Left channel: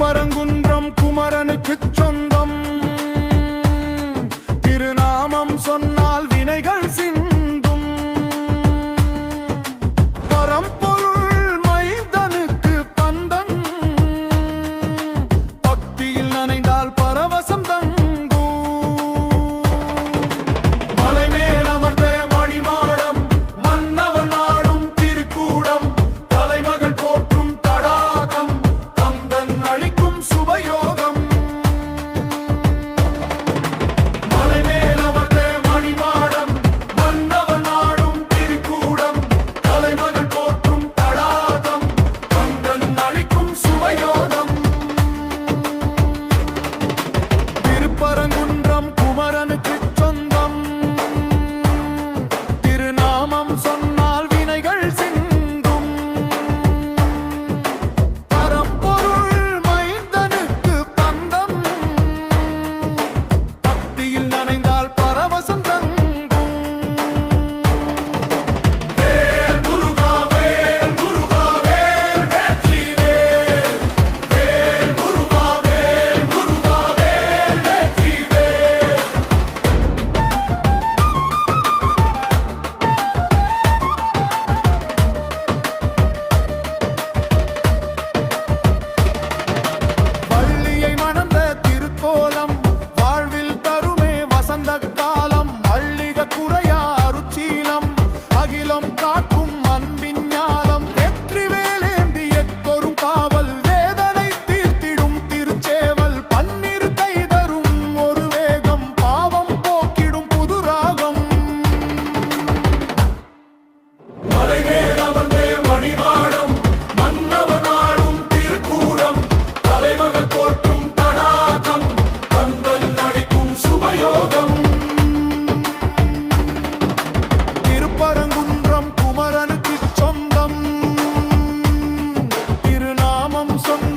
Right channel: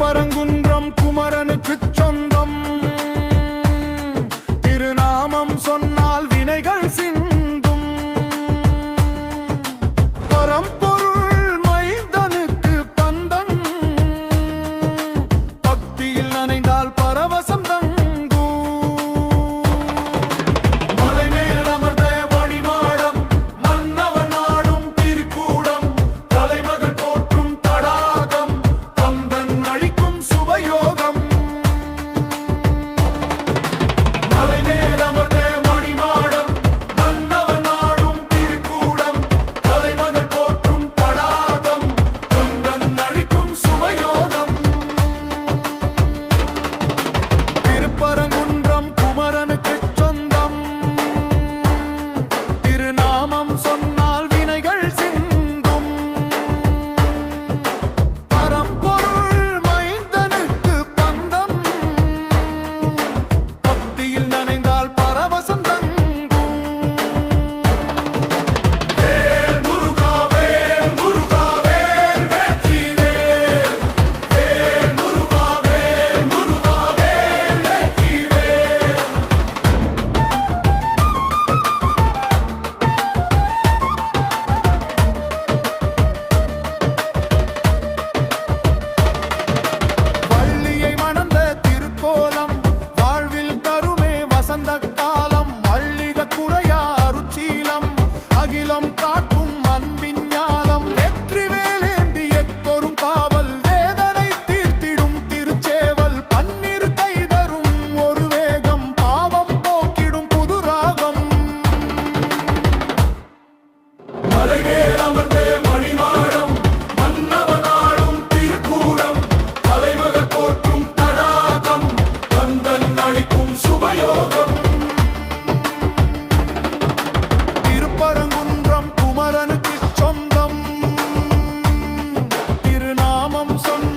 திருப்பரங்குன்றம் குமரனுக்குச் சொந்தம். திருநாமம் சொன்னால் வினைகள் சிந்தும். பரம்பொருள் மைந்தனுக்கு பந்தம். பக்தியில் நனைந்தால் பரவசம் தங்கும். மலை மேல் அமர்ந்த மணிமாடம், மன்னவன் நாடும் திருக்கூடம், தலைமகள் போற்றும் தடாகம், கந்தன் அளிக்கும் சுபயோகம். மலை மேல் அமர்ந்த மணிமாடம், மன்னவன் நாடும் திருக்கூடம், தலைமகள் போற்றும் தடாகம், கந்தன் அளிக்கும் சுபயோகம். திருப்பரங்குன்றம் குமரனுக்குச் சொந்தம். திருநாமம் சொன்னால் வினைகள் சிந்தும். பரம்பொருள் மைந்தனுக்கு பந்தம். பக்தியில் நனைந்தால் பரவசம் தங்கும். வேல் முருகா வேல் முருகா வேல் வெற்றி வேல். வேல் முருகா வேல் முருகா வேல் வெற்றி வேல். வள்ளியை மணந்த திருக்கோலம், வாழ்வில் தருமே வசந்த காலம். மல்லிக குறையா அருச்சீலம், அகிலம் காக்கும் அன்பின் ஞாலம். வெற்றி வேலேந்தி எத்தொரும் காவல், வேதனை தீர்த்திடும் திருச்சேவல். பன்னிரு கைதரும் ஒரு வேகம், பாவம் போக்கிடும் புது ராகம். மலை மேல் அமர்ந்த மணிமாடம், மன்னவன் ஆடும் திருக்கூடம், தலைமகள் போற்றும் தடாகம், கந்தன் அளிக்கும் சுபயோகம். திருப்பரங்குன்றம் குமரனுக்குச் சொந்தம். திருநாமம் சொன்ன